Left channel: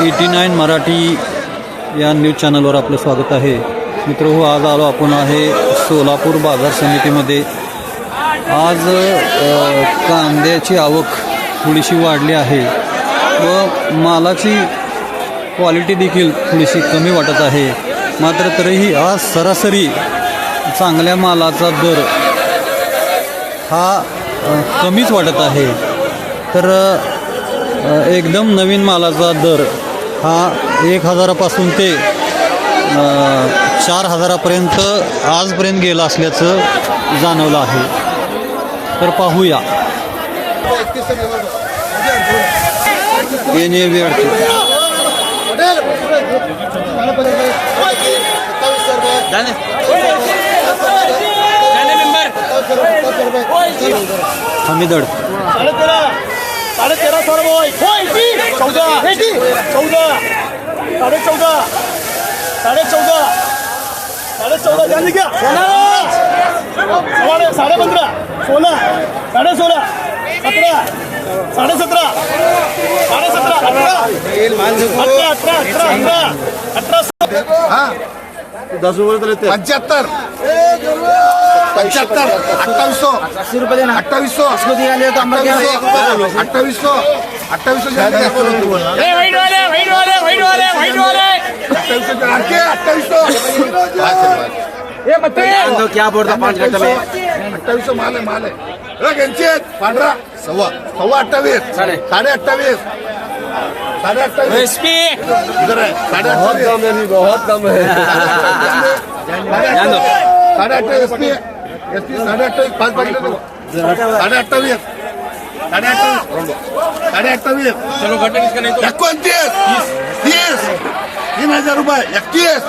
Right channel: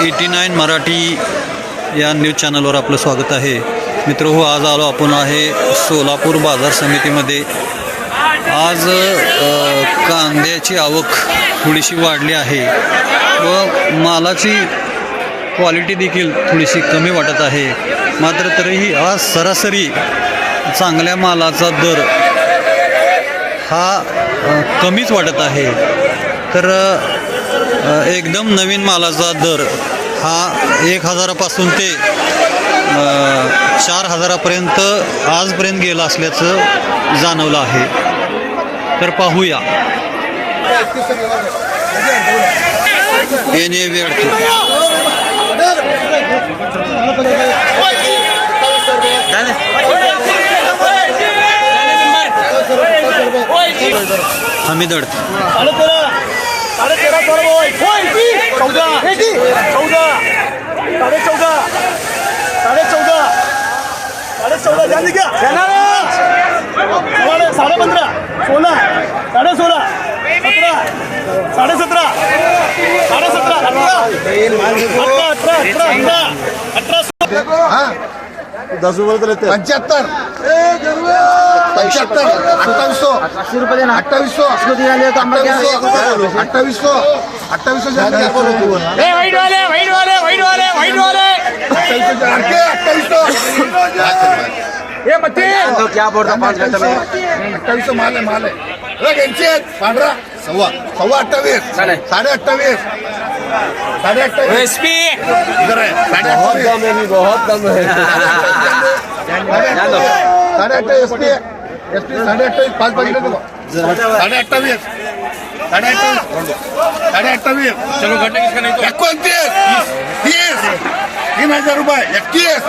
Eighty nine Marathi या news चॅनलवर आपलं स्वागत आहे. मित्र हो आज आलो आपण आहे सोलापूर बाजार समितीमध्ये. आज कांद्याची आवक थोडीशी वाढली आहे व मालाची क्वालिटी देखील थोडीशी कमी वाटत आहे. मात्र तरीही आज सरासरी चांगल्या मालाचा दर हा कमीच वाटत आहे. तर एकदम नवीन मालाचा दर हा एक हजारापासून ते चार हजारापर्यंत आजपर्यंत गेला असल्याचं जाणवलं आहे. तर पाहूया. येणे वेळते हमीदड. साडे तेरा साडे तेरा सर्व चौदा चौदा साडे चौदा साडे चौदा साडे चौदा जाने क्या साडे साडे पंधरा सोळा साडे सोळा सतरा साडे दस रुपये तर पंच्याहत्तर. पंच्याहत्तर. अठ्ठावीसशो. अठ्ठावीसशो. अठ्ठावीसशो. अठ्ठावीसशो. अठ्ठावीसशो अठ्ठावीसशो. क्या बोलता पाच अठ्ठावीसशो माल आहे माल आहे. यांचे पांढरा सव्वा. सव्वा अठ्ठावीस. साडे अठ्ठावीस. इधर आहे. साडे अठ्ठावीस बहुत कम है साडे अठ्ठावीस एस पी एस पी साडे अठ्ठावीस पाच साडे अठ्ठावीस चलो घटे किसका नहीं तीस तीन हजार रुपये एकतीस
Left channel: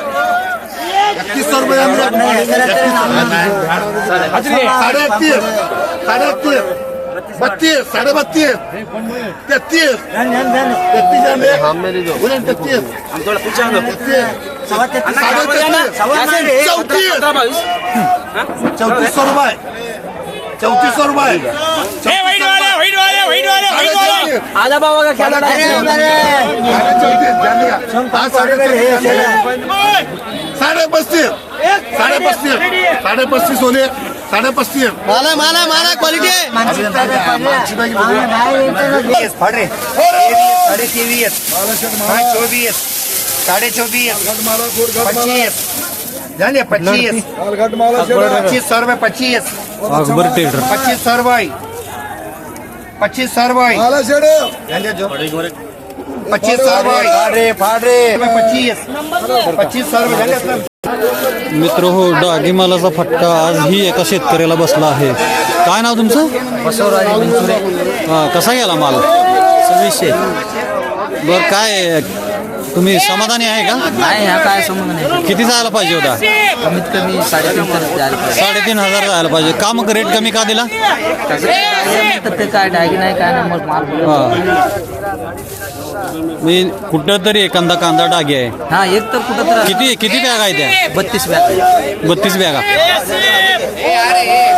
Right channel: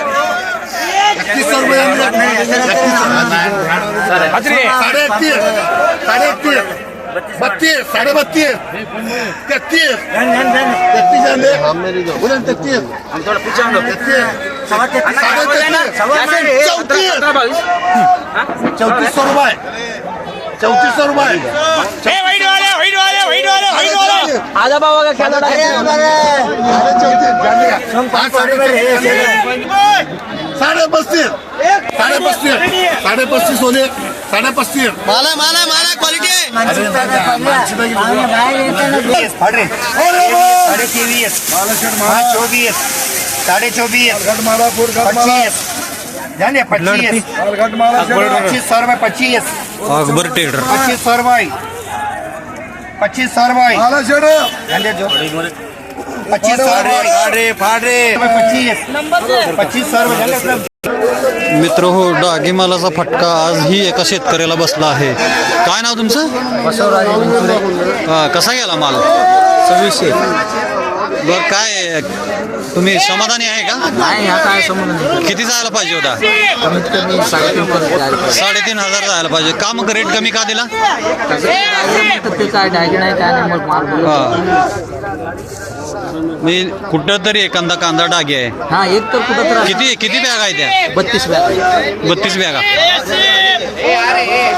एकतीस सौ रुपये साडे एकतीस साडे एकतीस बत्तीस साडे बत्तीस. तेहतीस. तेहतीस झाले. ना, तेहतीस. साडे तेहतीस. चौतीस. चौतीस. सौ रुपये. चौतीस सौ रुपये. आजा बाबा का खेळा साडे पस्तीस. साडे पस्तीस. साडे पस्तीस. होले साडे पस्तीस माला माला माला क्वालिटी तेवीस पाच चोवीस साडे पच्चीस। पच्चीस। पच्चीस सौ रुपये पच्चीस। अकबर टेडर। पच्चीस सौ रुपये पच्चीस सौ रुपये जो पच्चीस सौ रुपये पच्चीस। पच्चीस सौ रुपये? मित्र हो डागी मालाचा फटका. आजही एका शेतकऱ्याला बसला आहे. काय नाव तुमचं? बसवराज विंचुरे हा, कसा गेला माल? सव्वीसशे. बर काय तुम्ही समाधानी आहे का? नाही हा काय नाही किती जायला पाहिजे होता? कमीत कमी साडेतीन पर्यंत जायला पाहिजे. साडेतीन हजार जायला पाहिजे. का मग रेट कमी का दिला? ते काय डायग नाही काय नाही मग माल बोलत. हा. मी कुठं तरी एखादा कांदा डागी आहे. हा एक तर कुठं तर किती किती बॅग आहे त्या? बत्तीस बॅग बत्तीस बॅगा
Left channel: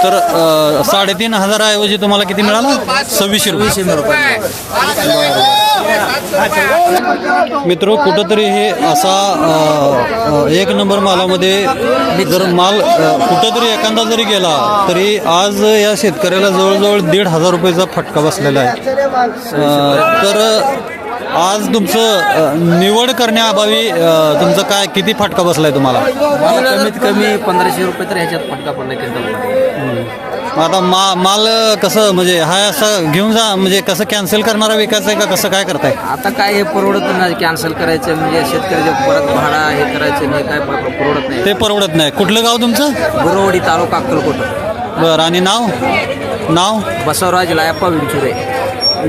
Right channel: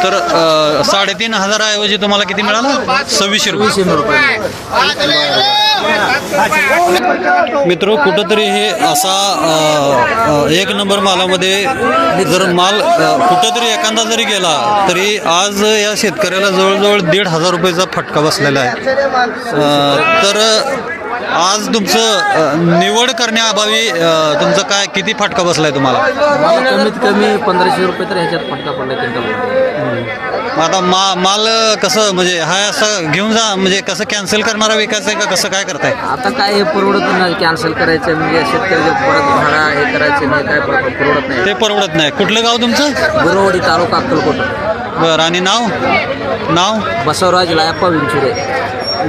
तर अ, साडेतीन हजाराऐवजी तुम्हाला किती मिळालं? सव्वीसशे रुपये. रुपये. मित्र कुठंतरी हे असा अ, अ, एक नंबर मालामध्ये जर माल अ, कुठंतरी एखादा जरी गेला तरी आज या शेतकऱ्याला जवळजवळ दीड हजार रुपयाचा फटका बसलेला आहे. अ, तर आज तुमचं निवड करण्याअभावी तुमचं काय किती फटका बसलाय तुम्हाला? मला कमीत कमी पंधराशे रुपये तर ह्याच्यात फटका पडला त्यांचा आता मा माल कसं म्हणजे हा असं घेऊन जा म्हणजे कसं कॅन्सल करणारा विकायचं आहे का? कसं काय करताय? आता काय हे परवडत नाही कॅन्सल करायचं म्हणजे शेतकऱ्याच्या परत भाडा हे करायचं नाही काय पर- परवडत नाही. ते परवडत नाही. कुठलं गाव तुमचं? गुरुवाडी तालुका अक्कलकोट. बरं आणि नाव? नाव? बसवराज लायप्पा विंचुरे.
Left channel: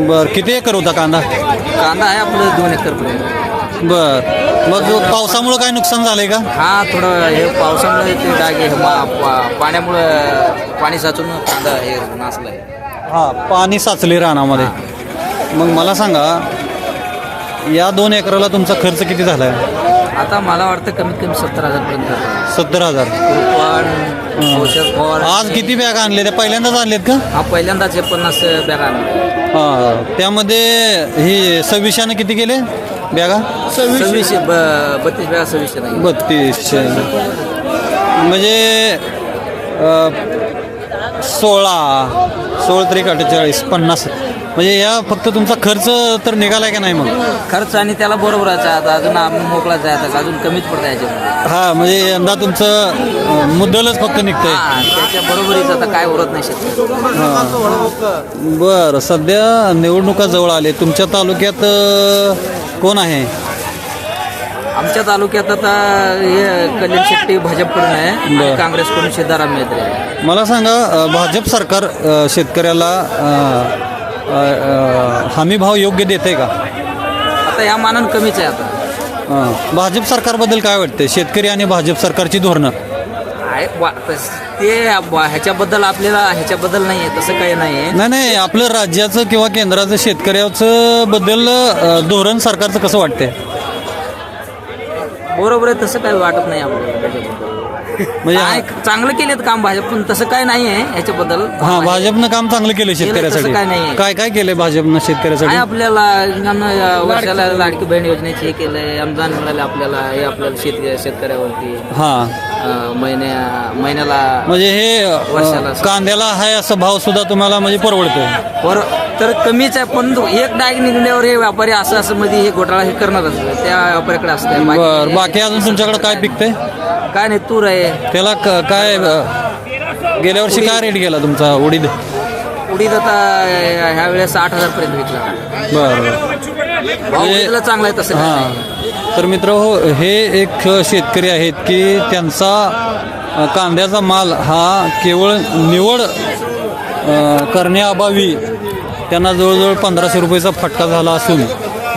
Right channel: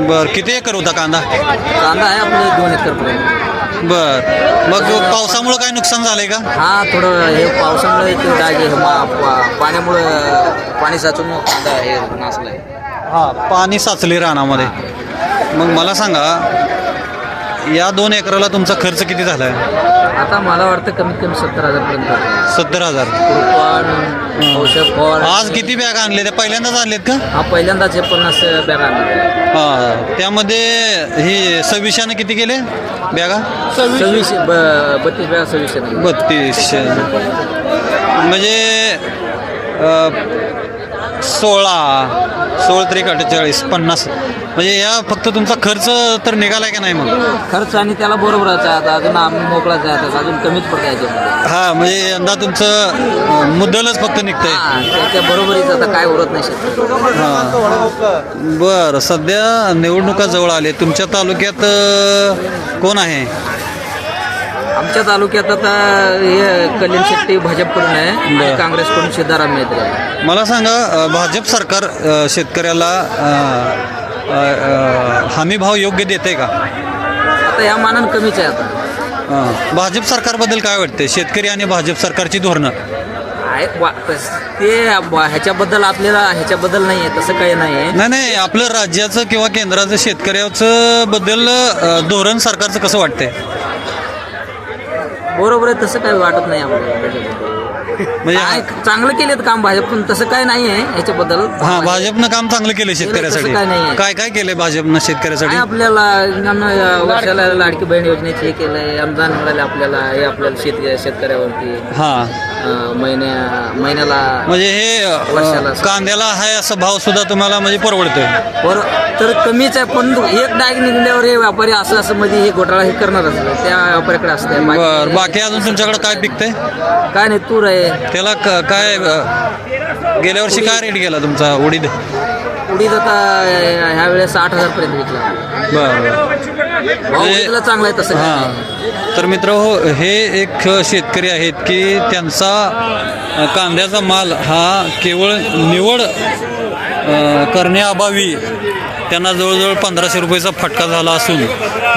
बर किती एकर होता कांदा? कांदा आहे आपलं दोन एकर पर्यंत बर. मग पावसामुळं काय नुकसान झालंय का? हा थोडं हे पावसामुळे ते डाग हे मा- पा- पाण्यामुळं पाणी साचून कांदा हे नासलाय. हा पाणी साचले रानामध्ये. मग मला सांगा या दोन एकराला तुमचा खर्च किती झाला आता मला वाटतं कमीत कमी सत्तर हजार पर्यंत सत्तर हजार. कुरपण औषध फवार. आज किती बॅग आणले? त्या पहिल्यांदाच आणलेत का? हा पहिल्यांदाच हे पन्नास बॅग आणले. हा त्यामध्ये ही सव्वीशाने किती गेले बॅगा? सव्वीसशे. ब- बत्तीस वेळा सव्वीसशे. बत्तीसशे. म्हणजे अ, सोळा सोळा तरी अठ्ठेचाळीस पन्नास. म्हणजे या फक्त तुमचा खर्च तर निघालाय का नाही मग? खर्च आणि त्याला बरोबरच आहे आता. अजून आम्ही मोकळाच आहे आता. अजून कमीच पडतं याच्यामध्ये. हा म्हणजे यंदा तुमचं मुद्दलच फक्त निघतंय. हा त्याच्या बरोबरीच आता काय उरत नाही शकत हां. बरं सध्या निवडणुका जवळ आले. तुमच्या तालुक्यात अ, कोण आहे? आमच्या तालुक्यात आता हे कलीम शेट्टी भाजपकडून आहे आणि बरं. काँग्रेसकडून सिद्धाराम मेहते. आहे. मला सांगा अ, भाजप सरकार अ, शेतकऱ्याला हमी भाव योग्य देते का? आता या मानानं कमीच आहे आता. भाजप सरकारबद्दल काय वाटते शेतकरी आणि भाजप सरकारची धोरणं? आहे वा- तस- ते ह्याच्याबद्दल आपल्याला ह्याच्याबद्दल नाही आहे तसं काही नाही आहे नाही नाही आपलं राज्याचं किंवा केंद्राचं शेतकऱ्याचं बद्दल अ, धोरण सरकारचं कसं वाटतंय? बरोबर आहे तसं काही वाटत नाही आपल्याला त्याच्याबद्दल. म्हणजे काय चांगलं केलेत काम भाजप पण तसं काय नाही आहे ह्याच्याबद्दल हा भाजपनं काम चांगलं केलं शेतकऱ्यासाठी. काय नाहीये. काय काय केलंय भाजपनं शेतकऱ्यासाठी? आपल्याला या वर्षाला लाडकी बहीण योजनेचे हे केलंय अनुदान मिळाले आपल्याला हे आपल्याला शेत शेतकऱ्यावरती. हा. महिन्या महिन्याला म्हणजे हे अ, वर्षाला. कांद्याला हाय असा भाव सुद्धा तुम्हाला म्हणजे परवडतोय. वर तर कमीच आहे पण एक डाग निघल्यावर हे व्यापारी असं असं मध्ये हे घोटाळा हे करणारच त्या व्यापाऱ्याकडे असतंय. बर बाकी अजून तुमच्याकडे काय पिकतंय? काय नाही तूर आहे. त्याला क- काय अ, गेल्या वर्षी काय रेट गेला तुमचा उडीद? उडीद आता ह्या वेळेस आठ हजार पर्यंत विकला. बर. हे- चांगला आहे तसं. हां. तर मित्र हो हे एक शेतकरी आहेत की त्यांचा कांद्याचा माल हा केवळ निवड करण्याअभावी त्यांना जवळजवळ पंधराशे रुपयाचा फटका झाला असून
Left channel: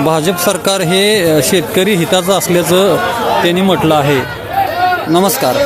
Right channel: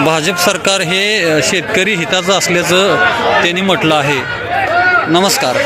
भाजप सरकार हे शेतकरी हिताचं असल्याचं त्यांनी म्हटलं आहे. नमस्कार.